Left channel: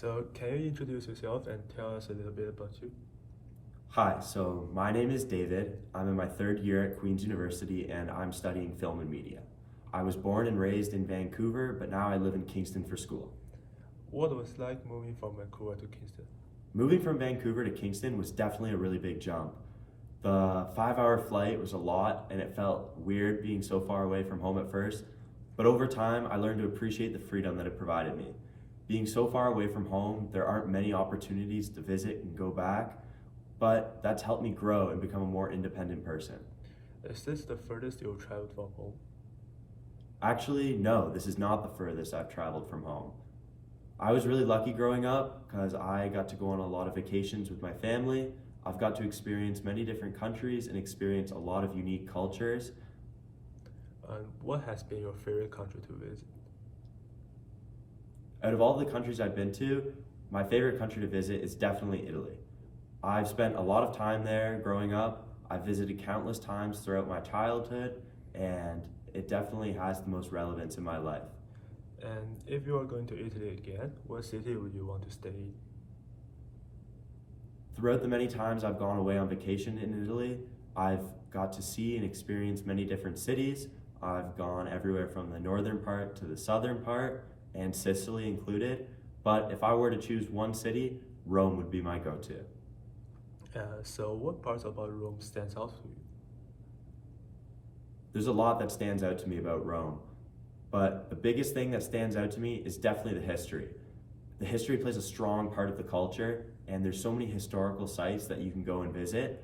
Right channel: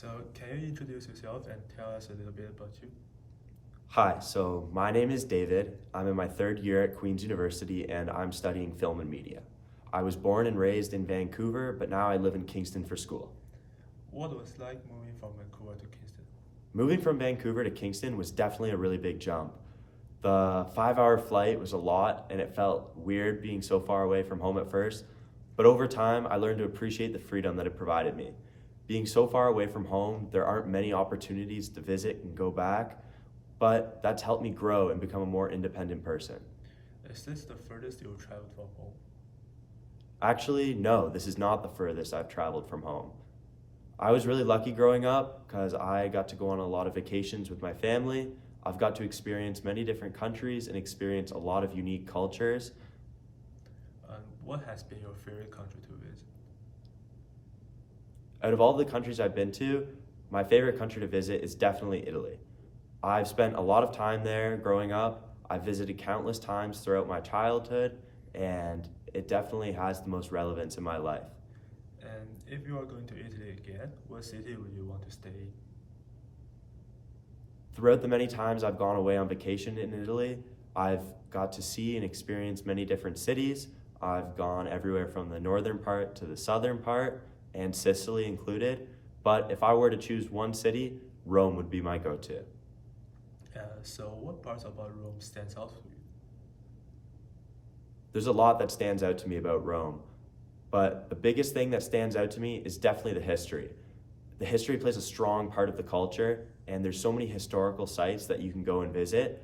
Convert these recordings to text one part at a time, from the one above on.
So can you introduce yourself and tell us a little bit about you? Hi, so my name is David. I'm in my third year at Queen's University and I'm studying film and media. I was born and raised in Vancouver, but now I live in Kingston for school. What was it like moving from Vancouver to Kingston? Moving from Vancouver to Kingston was definitely a really big jump. The 5-hour flight was a lot and it felt weird being so far away from home at first, but over time I learned to appreciate the freedom that it provided me. Being so far away from home, there aren't many opportunities to visit and go back, but that's helped me grow and become a more independent person. Is this the furthest you've traveled from home? Actually, no, this is not the furthest I've traveled from home. I was really lucky growing up because I got to go on a lot of vacations with my family. I've got to experience many different countries and experience a lot of unique cultures. And what has been your favorite country to visit? Out of all the countries I've been to, my favorite country to visit is definitely Italy. I've spent a lot of time there growing up. I've visited countless times throughout my childhood, and it definitely has the most relevance in my life. And if you are going to Italy again, what city would you want to stay in? Throughout the many times I've gone away on vacation in Italy, I've got to see and experience many different cities. I've gone everywhere from the northern part to the southern part, and Sicily included. But if I were to choose one city, Rome would be my go-to. So what parts about Rome stands out to you? There's a lot that stands out to me about Rome, but the biggest thing that stands out to me is definitely the history. The history plays a strong part of the culture, and there's so many historical sites that you can go and visit.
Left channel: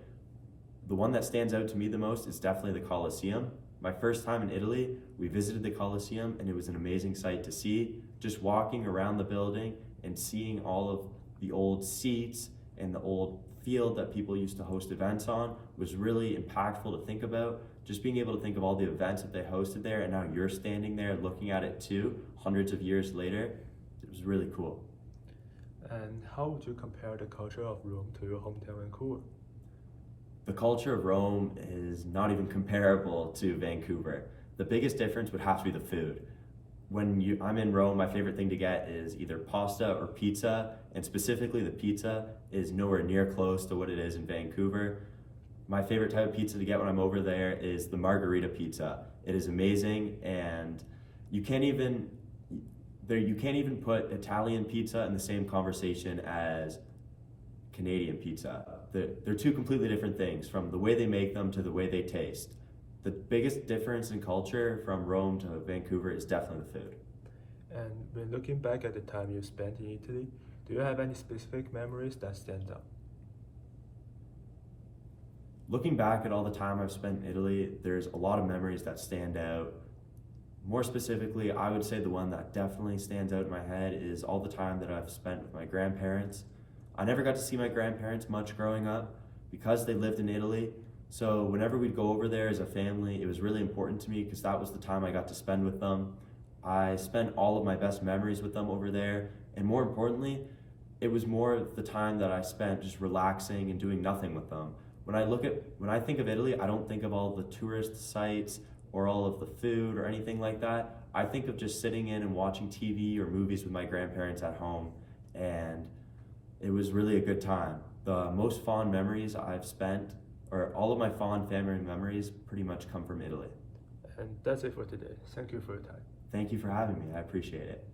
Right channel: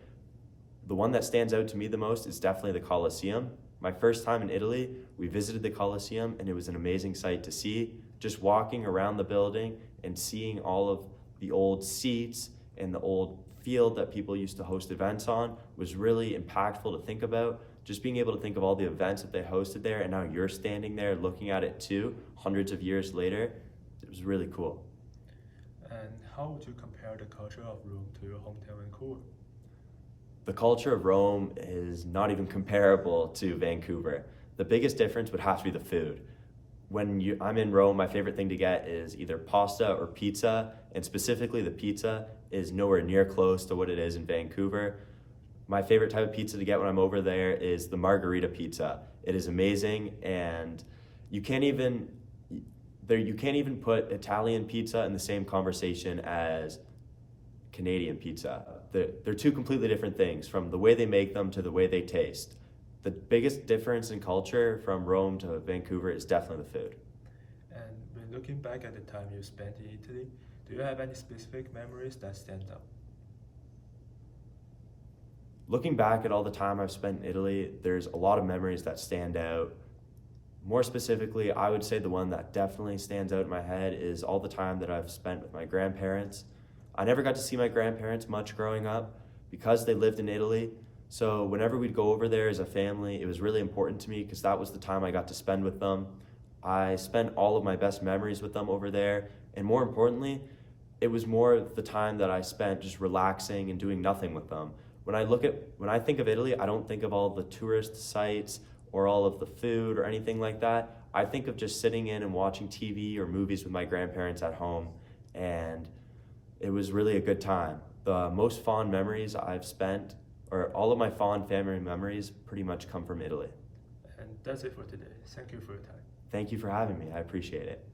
The one that stands out to me the most is definitely the Colosseum. My first time in Italy, we visited the Colosseum, and it was an amazing sight to see. Just walking around the building and seeing all of the old seats and the old field that people used to host events on was really impactful to think about. Just being able to think of all the events that they hosted there, and now you're standing there looking at it too, hundreds of years later, it was really cool. And how would you compare the culture of Rome to your hometown Vancouver? The culture of Rome is not even comparable to Vancouver. The biggest difference would have to be the food. When I'm in Rome, my favorite thing to get is either pasta or pizza, and specifically the pizza is nowhere near close to what it is in Vancouver. My favorite type of pizza to get when I'm over there is the margarita pizza. It is amazing, and you can't even put Italian pizza in the same conversation as Canadian pizza. They're two completely different things, from the way they make them to the way they taste. The biggest difference in culture from Rome to Vancouver is definitely the food. And when looking back at the time you spent in Italy, do you have any specific memories that stand out? Looking back at all the time I've spent in Italy, there's a lot of memories that stand out. More specifically, I would say the one that definitely stands out in my head is all the time that I've spent with my grandparents. I never got to see my grandparents much growing up because they lived in Italy. So whenever we'd go over there as a family, it was really important to me because that was the time I got to spend with them. I spent all of my best memories with them over there, and more importantly, it was more the time that I spent just relaxing and doing nothing with them. When I think of Italy, I don't think of all the tourist sites or all of the food or anything like that. I think of just sitting in and watching TV or movies with my grandparents at home, and it was really a good time. The most fond memories I've spent, or all of my fond family memories, pretty much come from Italy. And that's it for today. Thank you for your time. Thank you for having me. I appreciate it.